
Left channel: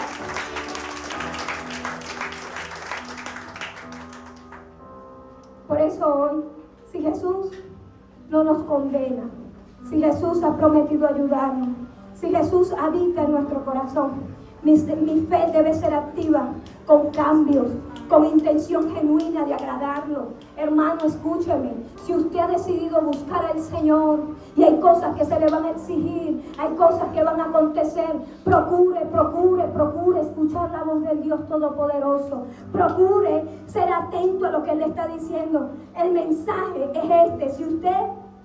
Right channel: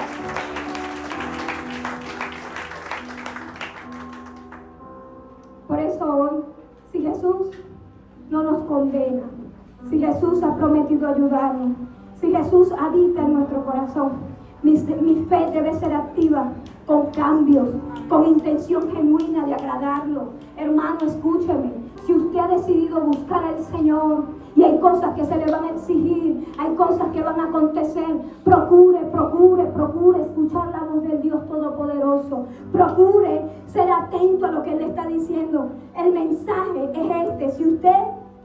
Por eso hoy, si Jesús no nos condena, si Jesús ha prometido ayudarnos, si Jesús habita en nuestro corazón, mi fe debe ser activa, con cambios, con intención genuina de agradarlo. Hermano, escúcheme, si usted ha decidido buscar al Señor y hay cosas que se le van a exigir, hay cosas que van a acontecer, procure escuchar la voz del Dios Todopoderoso. Procure ser atento a lo que Él le está diciendo. El mensaje es este: si usted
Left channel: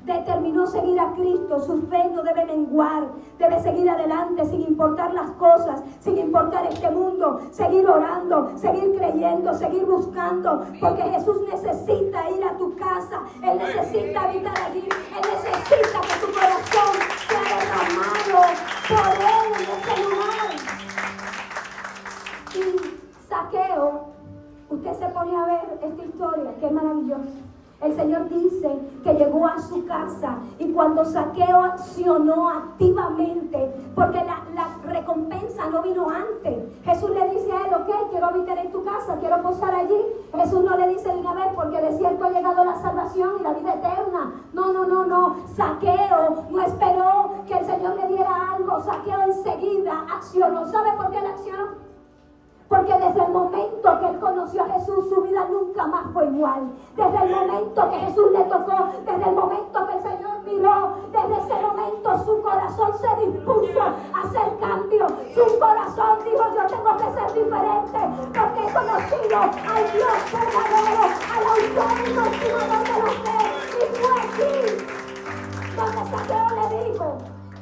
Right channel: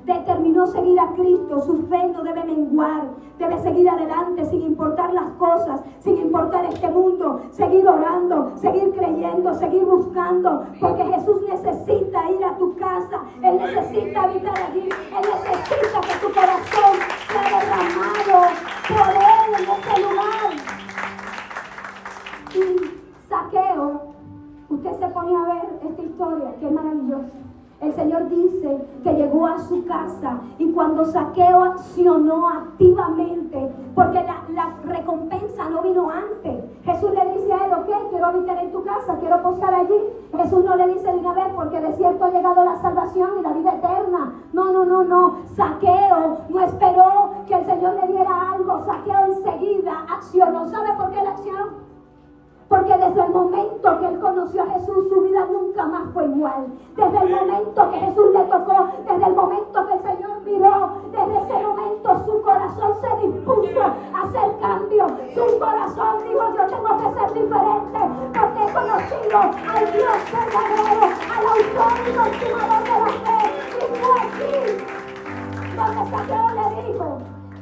determinó seguir a Cristo, su fe no debe menguar, debe seguir adelante sin importar las cosas, sin importar este mundo, seguir orando, seguir creyendo, seguir buscando, porque Jesús necesita ir a tu casa, Él necesita habitar allí, Él necesita que tu corazón sea derramado por Él en este lugar. Y Zaqueo, usted se pone a ver esta historia, qué maravillosa. El Señor dice que llegó a su casa, y cuando Zaqueo accionó activamente, porque la recompensa no vino antes. Jesús le dice a él, ok, quiero habitar en tu casa, quiero posar allí. Jesús no le dice de una vez, porque de cierto ha llegado la salvación y la vida eterna. No. Zaqueo no esperó que el Señor le diera algo. Zaqueo enseguida accionó. ¿Sabe por qué él accionó? Porque desde el momento que él conoció a Jesús, su vida nunca más fue igual. Desde el momento que Jesús le tocó, desde el momento que el Señor miró, desde ese momento su corazón se dispuso a hacer cambio. Su corazón dijo, yo tengo que ser diferente, porque he conocido al Dios verdadero, al autor y continuador de la fe. Y fue aquí donde Zaqueo le dijo,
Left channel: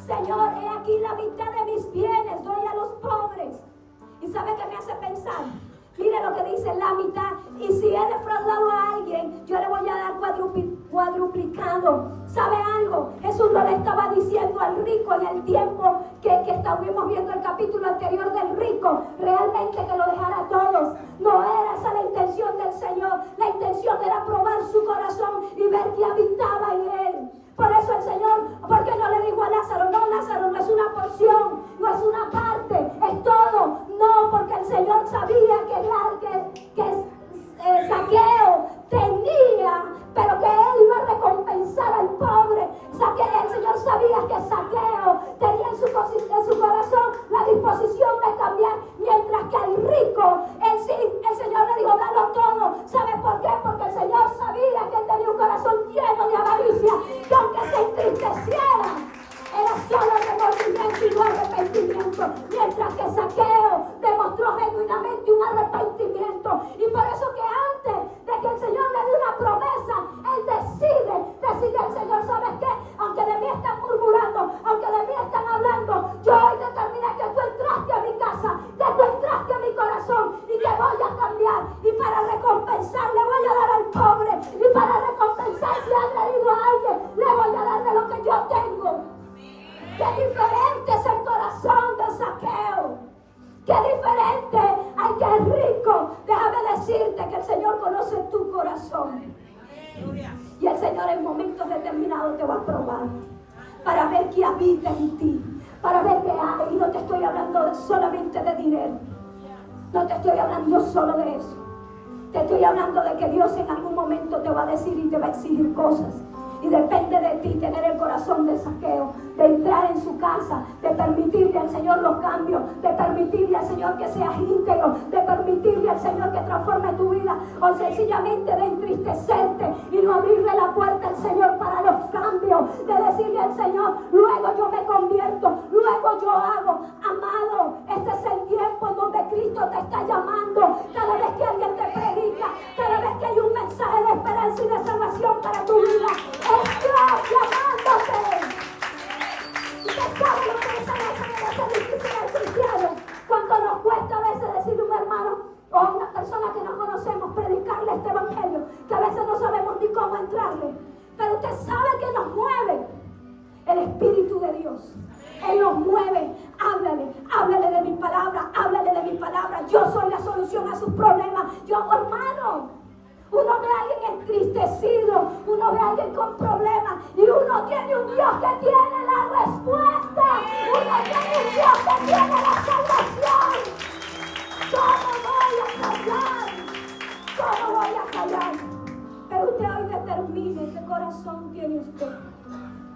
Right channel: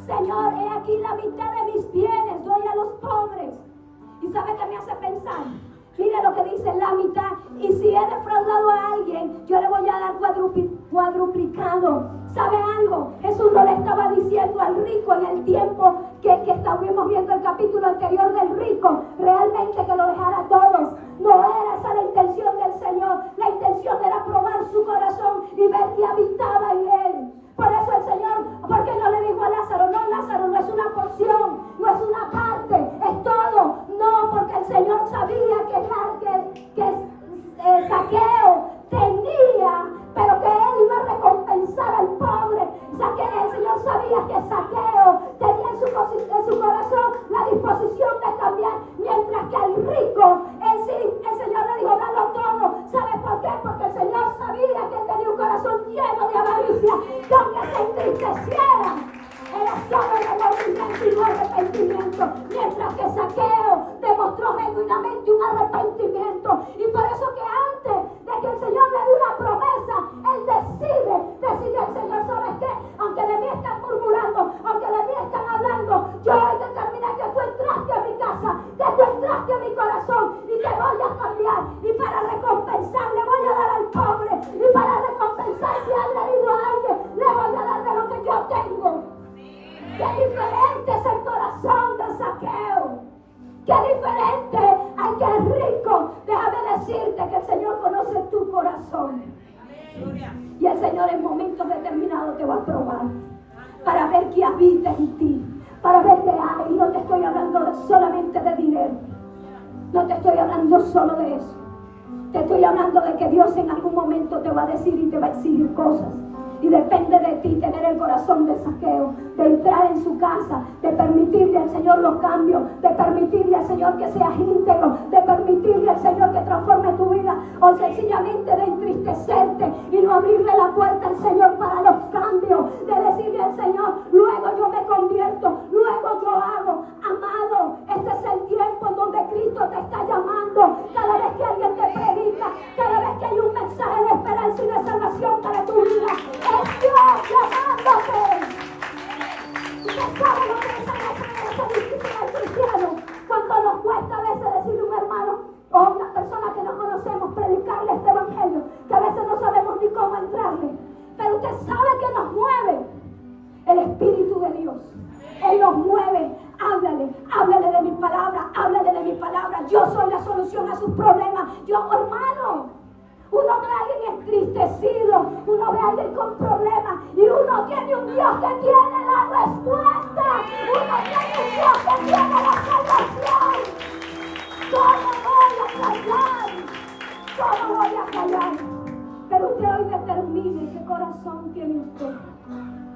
Señor, he aquí la mitad de mis bienes, doy a los pobres. ¿Y sabe qué me hace pensar? Mire lo que dice la mitad. Y si he defraudado a alguien, yo le voy a dar cuadruplicado. ¿Sabe algo? Jesús no le estaba diciendo al rico en el tiempo que estábamos viendo el capítulo anterior del rico, realmente que lo dejara a todos. No era esa la intención del Señor. La intención era probar su corazón y ver que habitaba en él. Por eso el Señor, ¿por qué no le dijo a Lázaro? No, Lázaro no es una porción, no es una parte, es todo. No, porque el Señor sabía que Zaqueo tenía, pero que él iba a recompensar al pobre. El Señor sabía que Zaqueo tenía en su corazón la disposición de cambiar, mientras que al rico, el Señor le dijo, dalo todo. ¿Sabe por qué? Porque el Señor sabía que él tenía un corazón lleno de avaricia, que aunque se entristecía obedeciera. Era solo remordimiento y no arrepentimiento. Mientras que Zaqueo demostró genuinamente un arrepentimiento. Y por eso que antes de que el Señor le dé una promesa, él decide al Señor, ¿sabes qué? Aunque de mí están murmurando, aunque de mí están hablando, yo hoy determiné que tú entraste a mi casa, que tú entraste a mi corazón y que voy a cambiar. Y para recompensar le voy a dar al pobre. Y para recompensar si ha agredido a alguien, le voy a dar de lo que yo tengo. Qué diferente es el corazón de Zaqueo. Qué diferente. Ay, qué rico. Déjame decirte que el Señor conoce tu corazón. Y el Señor en momentos determinados te va a probar para ver qué habita en ti, para ver qué hay. Y no te estoy hablando solamente de dinero. No te estoy hablando solo de eso. Te estoy hablando de que Dios en algún momento te va a decir y te va a exigir cosas. Y depende de ti tener el corazón de Zaqueo, de entrar en su casa, de permitirle al Señor los cambios, de permitirle al Señor que seas íntegro, de permitirle al Señor que transforme tu vida, o sencillamente de entristecerte y no abrirle la puerta al Señor para los cambios, de decirle al Señor, luego yo me convierto, luego yo hago. Amado, este es el tiempo en donde Cristo te está llamando. Cada vez que alguien te predica, cada vez que hay un mensaje de esperanza y de salvación para tu vida, es Dios llamándote. Usted sabe lo que esa difícil al cristiano. Cuando nos cuesta a veces decirle a un hermano o a una persona que no conocemos, predicarle este evangelio, que a veces no sabemos ni cómo entrarle. Pero usted sabe que nos mueve el Espíritu de Dios. Él nos mueve. Háblale de mi palabra, háblale de mi palabra. Yo soy la solución a sus problemas. Yo, hermano, uno ve a alguien entristecido, uno ve a alguien con problemas y uno tiene un Dios que tiene la respuesta. Uno tiene un Dios que tiene la salvación. ¿Cómo voy a callar? ¿Cómo voy a callar? Pero usted hoy determine qué corazón tiene usted.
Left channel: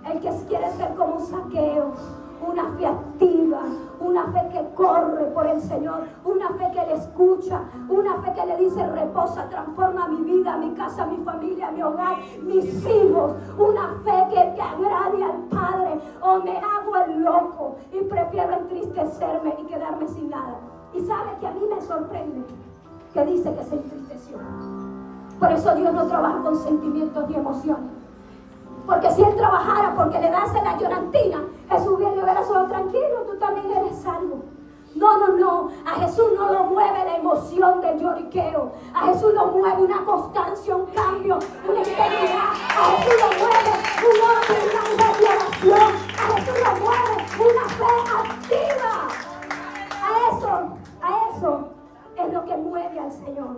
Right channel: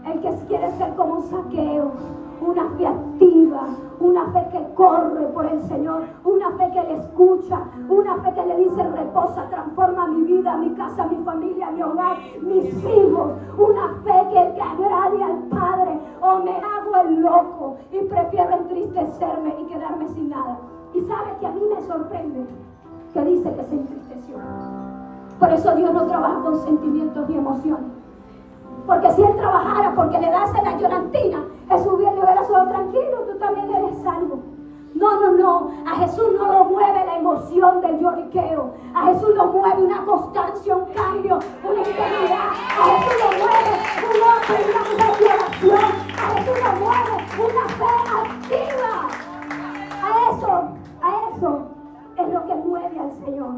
El que quiere ser como Zaqueo, una fe activa, una fe que corre por el Señor, una fe que le escucha, una fe que le dice reposa, transforma mi vida, mi casa, mi familia, mi hogar, mis hijos, una fe que agrade al Padre. O me hago el loco y prefiero entristecerme y quedarme sin nada. Y sabe que a mí me sorprende que dice que se entristeció. Por eso Dios no trabaja con sentimientos ni emociones. Porque si Él trabajara porque le das en la llorantina, Jesús bien le hubiera solo tranquilo, tú también eres salvo. No. A Jesús no lo mueve la emoción del lloriqueo. A Jesús lo mueve una constancia, un cambio, una integridad. A Jesús lo mueve una revelación. A Jesús lo mueve una fe activa. A eso es lo que mueve al Señor.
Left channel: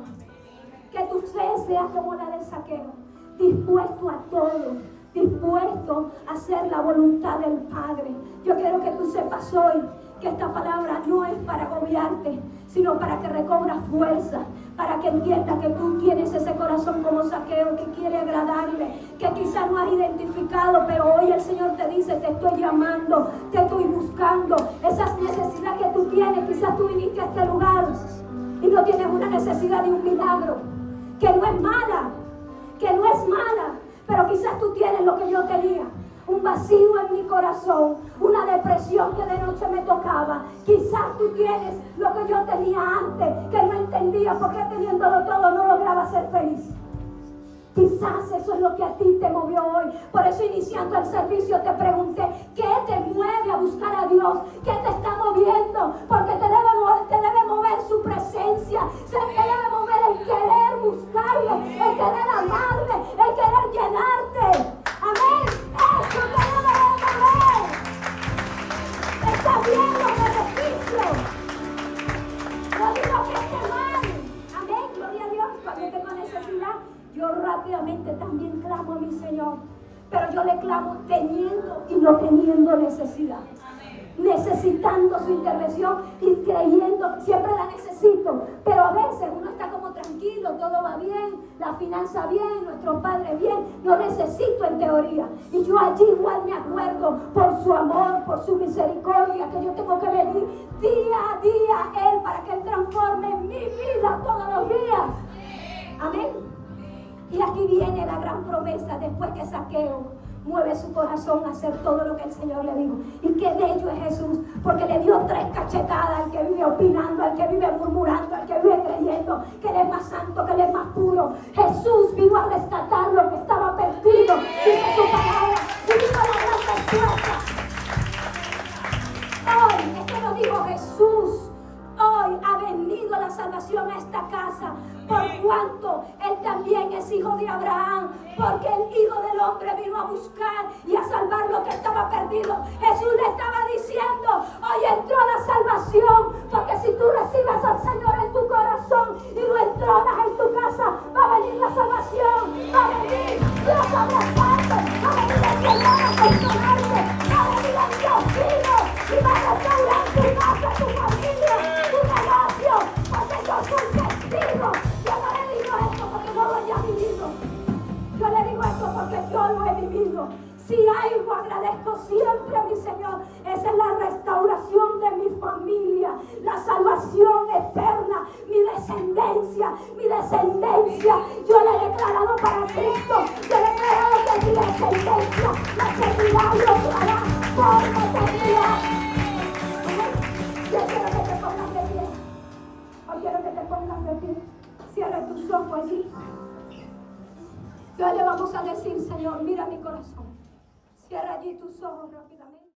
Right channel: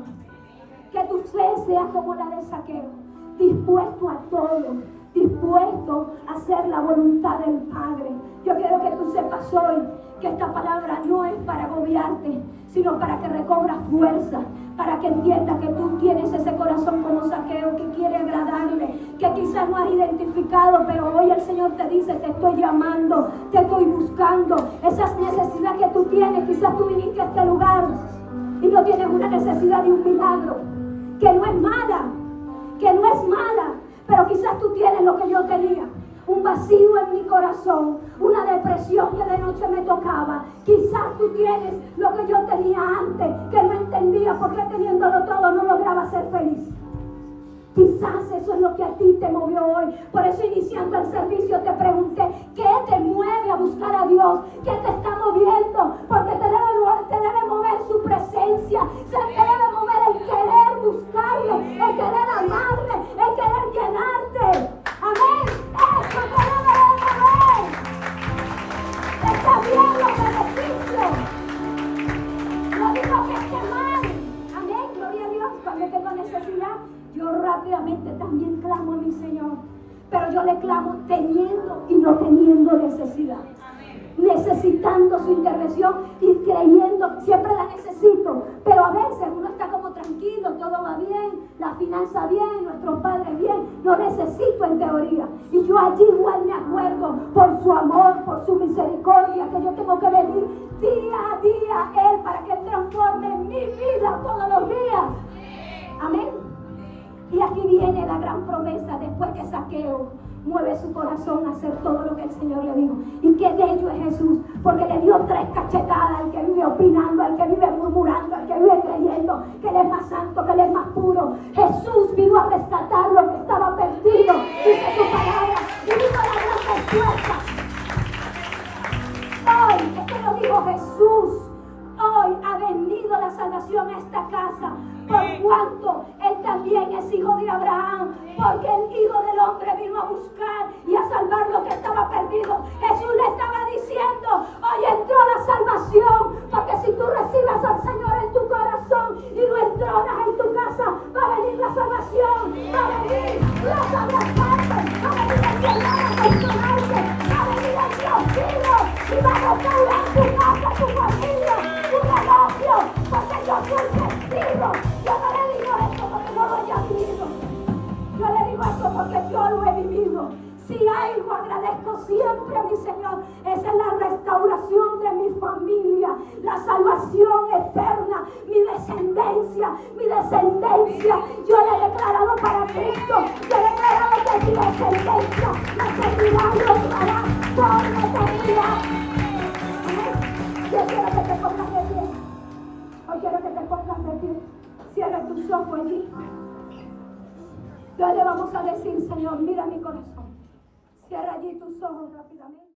Que tu fe sea como la de Zaqueo, dispuesto a todo, dispuesto a hacer la voluntad del Padre. Yo quiero que tú sepas hoy que esta palabra no es para agobiarte, sino para que recobras fuerza, para que entiendas que tú tienes ese corazón como Zaqueo que quiere agradarle, que quizás no has identificado, pero hoy el Señor te dice, te estoy llamando, te estoy buscando. Esa necesidad que tú tienes, quizás tú viniste a este lugar y no tienes una necesidad de un milagro, que no es mala, pero quizás tú tienes lo que yo tenía, un vacío en mi corazón, una depresión que de noche me tocaba. Quizás tú tienes lo que yo tenía antes, que no entendía por qué teniéndolo todo no lograba ser feliz. Quizás eso es lo que a ti te movió hoy. Por eso iniciando el servicio te pregunté, ¿qué te mueve a buscar a Dios? ¿Qué te está moviendo? Porque te debe mover su presencia. Se te debe mover el querer buscarlo, el querer amarle, el querer llenarte. Amén. Eso te debe mover. Está bien los beneficios. No digo que esté mal. Amén. Gloria a Dios. Cuando tengo necesidad, yo rápidamente también clamo a mi Señor. Pero yo le clamo teniendo y no teniendo necesidad. Necesitando su intervención y creyendo, siempre la necesito. Pero a veces uno está como tranquilo, todo va bien, la finanza bien, nuestro padre bien. Lo necesito en teoría. Y yo allí igual me acuerdo por su amor, por su misericordia, que yo tengo que venir día a día a Él para que Él transforme mi vida todos los días. Amén. Y aquí viene la gran promesa después que Zaqueo mueve su corazón a hacer todo lo que el Señor le dijo. Y qué bello es Jesús, porque le dio 3 cachetadas al que vive opinando, al que vive murmurando, al que vive creyendo que Él es más santo, que Él es más puro. Jesús vino a rescatar lo que estaba perdido, dice su palabra, y vino a dar respuesta. Hoy, es que lo dijo Jesús, hoy ha venido la salvación a esta casa, por cuanto Él también es hijo de Abraham, porque el Hijo del Hombre vino a buscar y a salvar lo que estaba perdido. Jesús le estaba diciendo, hoy entró la salvación, porque si tú recibes al Señor en tu corazón y lo entronas en tu casa, va a venir la salvación, va a venir Dios a abrazarte, va a venir el Señor a consolarte, va a venir el Dios vivo y va a restaurar tu casa, tu familia, tu negocio, porque yo soy testigo. Yo no le digo esto porque no lo haya vivido. Yo le digo esto porque yo lo he vivido. Si algo agradezco siempre a mi Señor, esa es la restauración de mi familia, la salvación eterna, mi descendencia. Yo le he declarado para Cristo, yo he declarado que mi descendencia la seguirá y lo hará por la eternidad. Yo quiero que te pongas de pie. Yo quiero que te pongas de pie. Cierra tus ojos allí. Entonces le vamos a decir, Señor, mira mi corazón. Cierra allí tus ojos rápidamente.